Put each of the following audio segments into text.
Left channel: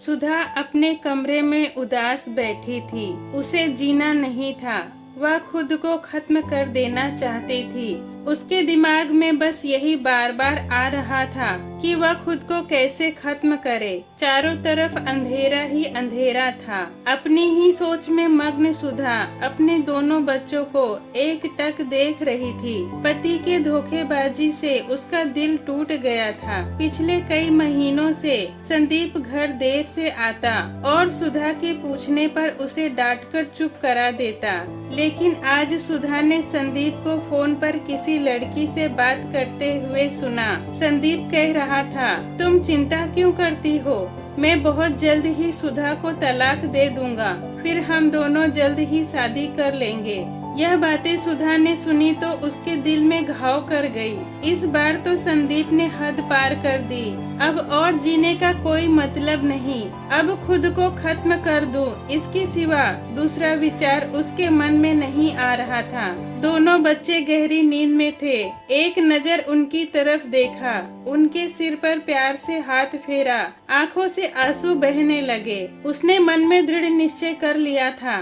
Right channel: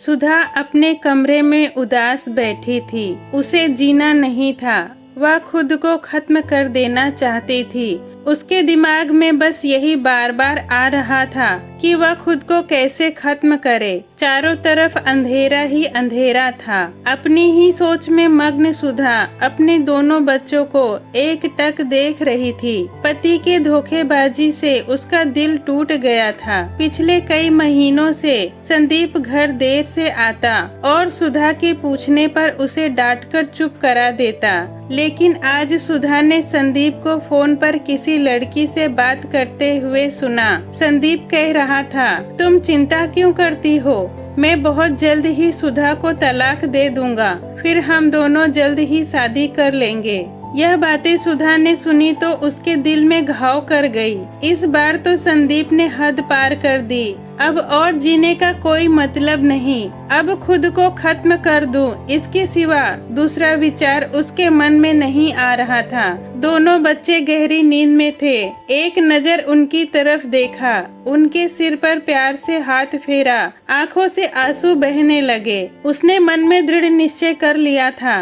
सुधा अपने कमरे में उदास बैठी थी। उसे जीना नहीं था, वह खुद को खत्म कर देना चाहती थी। उसके दिमाग में बस यही बार बार आ रहा था कि वह खुद को कैसे खत्म करे। चारों तरफ अंधेरा ही अंधेरा था। अपनी ही सोच में मग्न सुधा अपने दोनों बच्चों को एकटक देख रही थी। पति के धोखेबाजी से उसका दिल टूट गया था। पिछले कई महीनों से संदीप घर देर से आता और सुधा के पूछने पर उसे डांटकर चुप करा देता। लेकिन आज सुधा ने संदीप को फोन पर किसी लड़की से बात करते हुए सुना। संदीप कह रहा था, तुम चिंता क्यों करती हो, मैं बहुत जल्द ही सुधा को तलाक दे दूंगा, फिर हम दोनों जल्द ही शादी कर लेंगे। यह बातें सुधा ने सुनी तो उसके दिल में घाव कर गई। इस बार तो संदीप ने हद पार कर दी। अब और जीने का कोई मतलब नहीं, अब खुद को खत्म कर दूं, इसके सिवा दूसरा विचार उसके मन में नहीं आ रहा था। दोनों बच्चे गहरी नींद में थे। एक नजर उनकी तरफ देखा, उनके सिर पर प्यार से हाथ फेरा, आंखों से आंसू बहने लगे। उसने मन में दृढ़ निश्चय कर लिया था।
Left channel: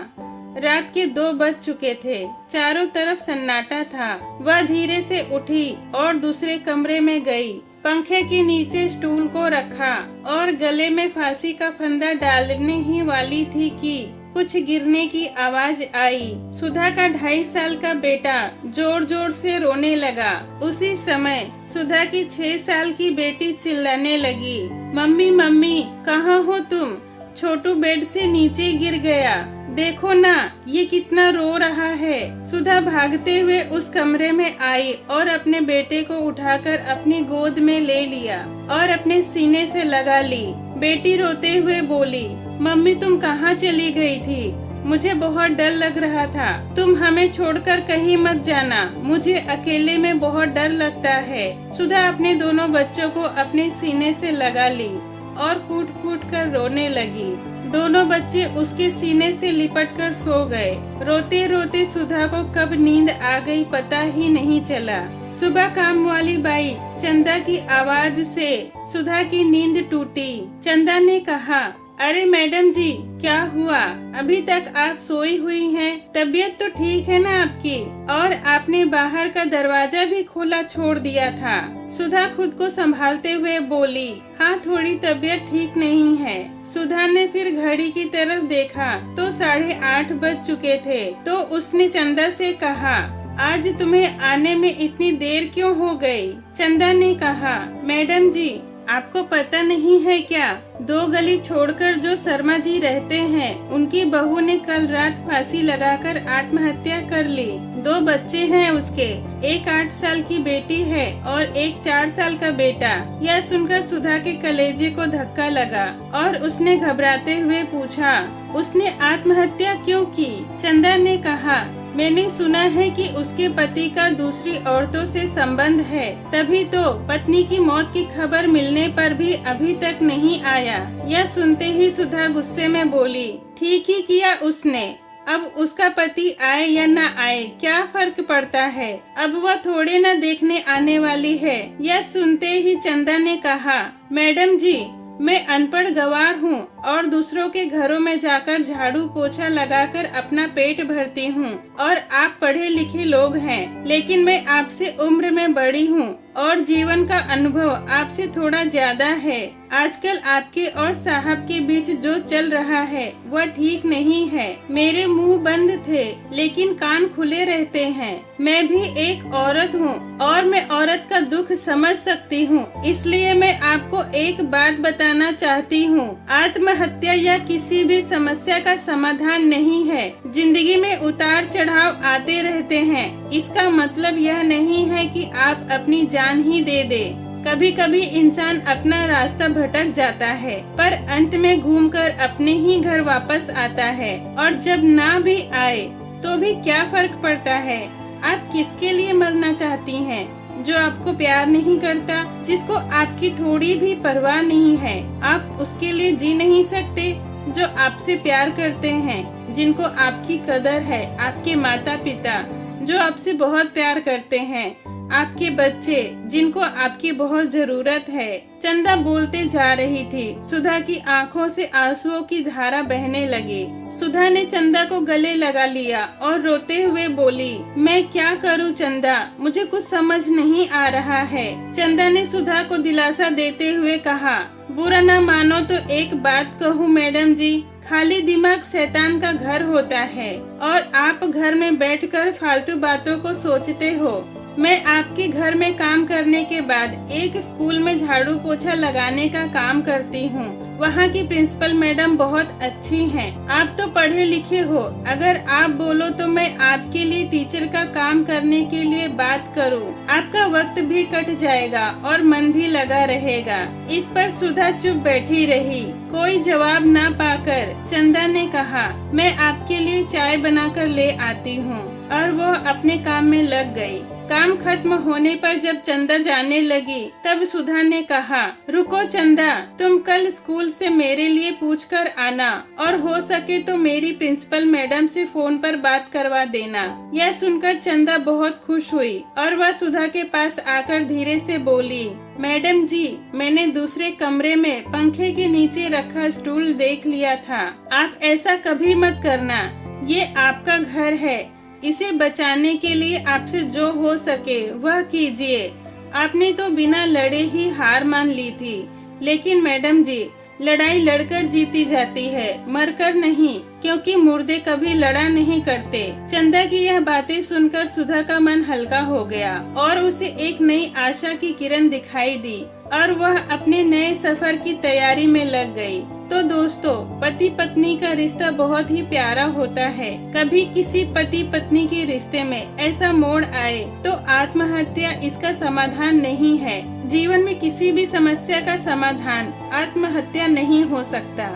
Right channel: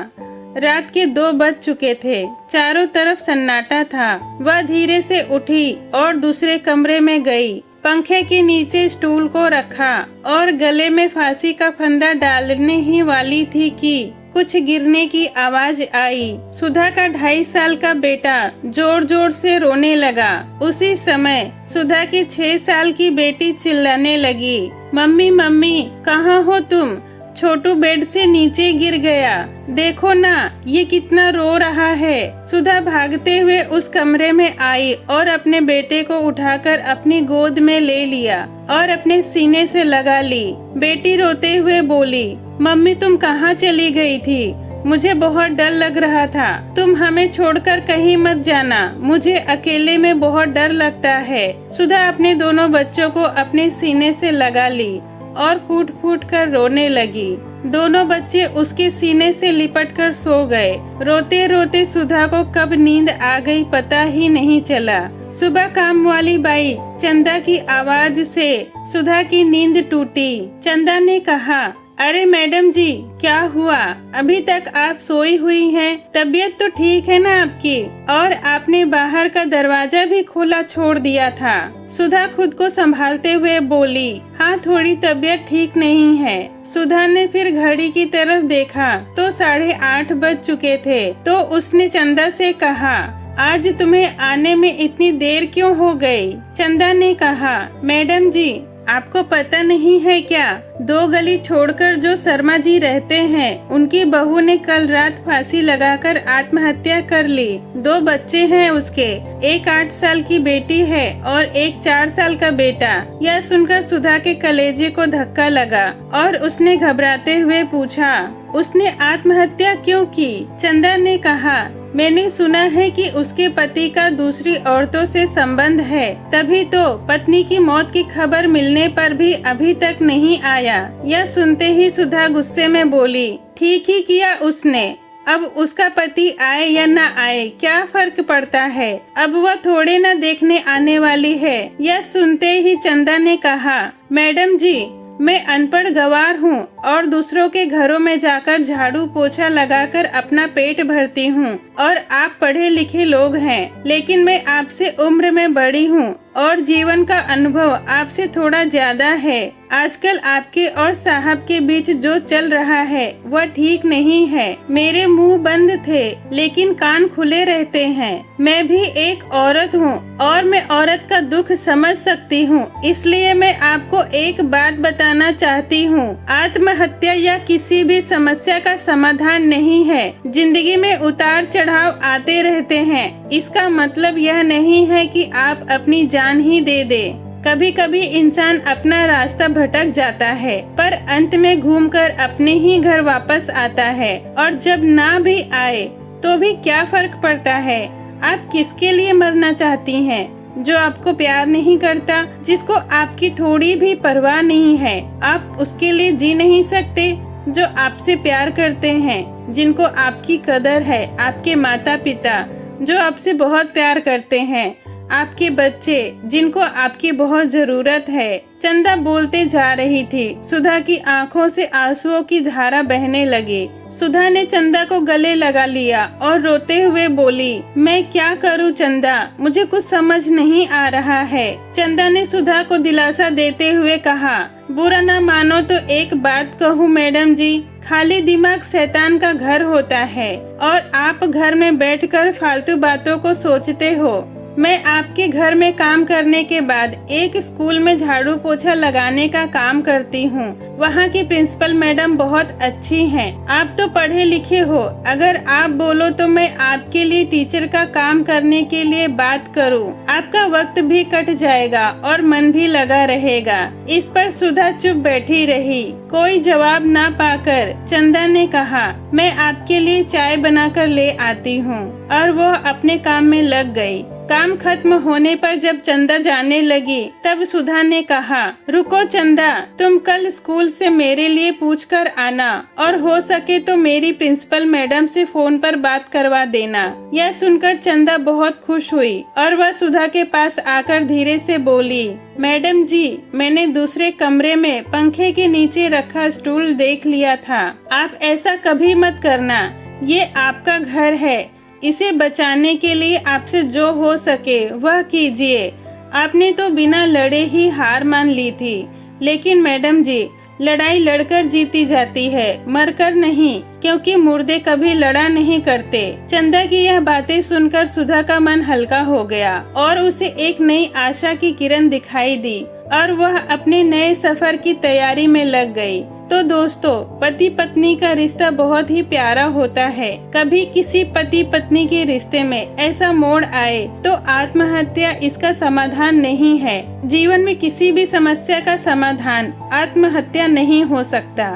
रात के 2 बज चुके थे। चारों तरफ सन्नाटा था। वह धीरे से उठी और दूसरे कमरे में गई। पंखे के नीचे स्टूल को रखा और गले में फांसी का फंदा डालने ही वाली थी कि कुछ गिरने की आवाज आई। सुधा का 2.5 साल का बेटा जोर जोर से रोने लगा। उसी समय सुधा की 6 साल की बेटी चिल्लाने लगी, मम्मी मम्मी कहाँ हो तुम? छोटू बेड से नीचे गिर गया, देखो ना ये कितना रो रहा है। सुधा भागते हुए उस कमरे में आई और अपने बेटे को उठाकर अपनी गोद में ले लिया और अपने सीने से लगा ली। बेटी रोते हुए बोली, मम्मी तुम कहाँ चली गई थी? मुझे बहुत डर लग रहा था, तुम हमें छोड़कर कहीं मत जाना, मुझे अकेले में बहुत डर लगता है। सुधा अपने दोनों बच्चों को अपने सीने से लगा ली और फूट फूट कर रोने लगी। दोनों बच्चे उसके सीने से लिपट कर सो गए। रोते रोते सुधा को कब नींद आ गई पता ही नहीं चला। सुबह काम वाली बाई चंदा की आवाज से सुधा की नींद टूटी। चंदा ने कहा, अरे मैडम जी क्या हुआ, अभी तक आप सोई हुई हैं? तबीयत तो ठीक है ना आपकी? और आपने बाहर का दरवाजा भी खोला छोड़ दिया था। सुधा खुद को संभालते हुए बोली, हाँ थोड़ी तबीयत ठीक नहीं है। सुधा ने फिर घड़ी की तरफ देखा तो 8:30 बज चुके थे। तो उसने चंदा से कहा, आज तुम्हें आने में इतनी देर क्यों हो गई? चंदा ने कहा, मैडम जी आपको पता नहीं है क्या, 2 गली छोड़कर जो शर्मा जी रहते हैं उनकी बहू ने कल रात फांसी लगाकर आत्महत्या कर ली। 2 बच्चे हैं उसके, एक 8 साल की बेटी है और एक 4 साल का बेटा। यह सुनकर सुधा के कलेजे को धक्का लगा और उसने घबराते हुए पूछा, उसने आत्महत्या क्यों की? चंदा ने कहा, मैंने सुना है कि उसके पति का दूसरी औरतों से संबंध है, तभी तो पत्नी की मौत की खबर मिलने पर भी अभी तक नहीं आया। यह सुनते ही सुधा गुस्से में बोली, ठीक ही किया उसने, अब उसका पति आए या न आए क्या फर्क पड़ता है, अब वह थोड़े न देखने आने वाली है। यह सुनते ही चंदा ने कहा, मैडम जी मैं अनपढ़ गवार हूँ और दूसरों के घरों में जाकर झाड़ू पोछा लगाकर अपना पेट भरती हूँ और आप पढ़े लिखे लोग हैं, लेकिन मैं आपसे उम्र में बड़ी हूँ और जीवन का अनुभव आपसे थोड़ा ज्यादा है। आजकल आपके और साहब के बीच जो चल रहा है वह ठीक नहीं है। मेरे मुंह बंद थे लेकिन कान खुले रहते हैं। मैं भी एक औरत हूँ और मैं औरत का दुख समझ सकती हूँ, इसलिए मैं आपको एक बात बताना चाहती हूँ, आत्महत्या या किसी भी समस्या का समाधान नहीं है। जिंदगी में उतार चढ़ाव आते रहते हैं, इसका मतलब यह नहीं है कि आप अपनी जान ही दे दे। कभी कभी इंसान अपना रास्ता भटक जाता है पर अंत में घूमकर अपने ही घर वापस आता है, और जब ना भी आए तो भी क्या फर्क पड़ता है। आप किसके लिए मरना चाहती हैं? जो आपको प्यार नहीं करता, जिसको आपकी थोड़ी भी परवाह नहीं है, आप उसके लिए जी नहीं सकते। जो आपसे प्यार करते हैं, जिनको आपकी कदर है, आपके माता पिता जो आपसे बहुत प्यार करते हैं, आपके बच्चे जिनको आपकी बहुत जरूरत है। चंदा बोलते जा रही थी। सुधा की आंखों से आंसुओं की धारा बहने लगी। सुधा ने चंदा को गले लगा लिया और रोते हुए बोली, मैं क्या करूं चंदा, मुझे कुछ समझ नहीं आ रहा है। चंदा ने सुधा को दिलासा देते हुए कहा, बुरा ना मानो तो एक बात कहूं मैडम जी, खाली दिमाग शैतान का घर होता है और आप घर में बैठकर फालतू बातों को सोचते हो। मैं आपके घर में काम करने के बाद एक स्कूल में झाड़ू पोछा लगाने का काम करती हूँ। वहाँ की प्रिंसिपल मैडम बहुत अच्छी हैं। आप तो पढ़े लिखे हो, अगर आप बोलो तो मैं आपके लिए टीचर का काम करने के लिए बात करूँ। आपका वक्त भी कट जाएगा और मन भी लगा रहेगा। इस पर सुधा चुप बैठी रही। कोई जवाब ना पाकर चंदा ने कहा, मैं आपके लिए चाय बनाकर ले आती हूँ, और वो अपने काम में लग गई। काम खत्म होने पर जब चंदा जाने लगी तब सुधा ने कहा, रुको चंदा, तुम कल स्कूल से मेरे लिए पूछ कर आना और हो सके तो मेरी प्रिंसिपल मैडम से फोन पर बात करवा देना। यह सुनकर चंदा बहुत खुश हुई और वह सुधा के पास आकर धीरे से बोली, मैडम जी, मैंने दूसरे कमरे में पंखे के नीचे रखा स्टूल देख लिया था। आप ऐसा कभी मत करना, ये आपका घर है। इसे बचाने के लिए आपसे जो हो सके वह कीजिए। आपने तो बिना लड़े ही हार मान ली थी, लेकिन मैडम जी, लड़ाई लड़कर जीती जाती है, मरकर नहीं, क्योंकि मुर्दे कभी लड़ा नहीं करते। चंदा की यह बातें सुनकर सुधा का मन हल्का हो गया और उसे एक नई आशा की किरण दिखाई दी और वह अपने नए सफर की तैयारी में लग गई। तो दोस्तों, पति पत्नी का रिश्ता बहुत ही प्यारा होता है। कभी किसी पति पत्नी के रिश्ते में ऐसा मोड़ आए तो आत्महत्या इसका समाधान नहीं है। जीवन में किसी भी समस्या का समाधान आत्महत्या नहीं हो सकता।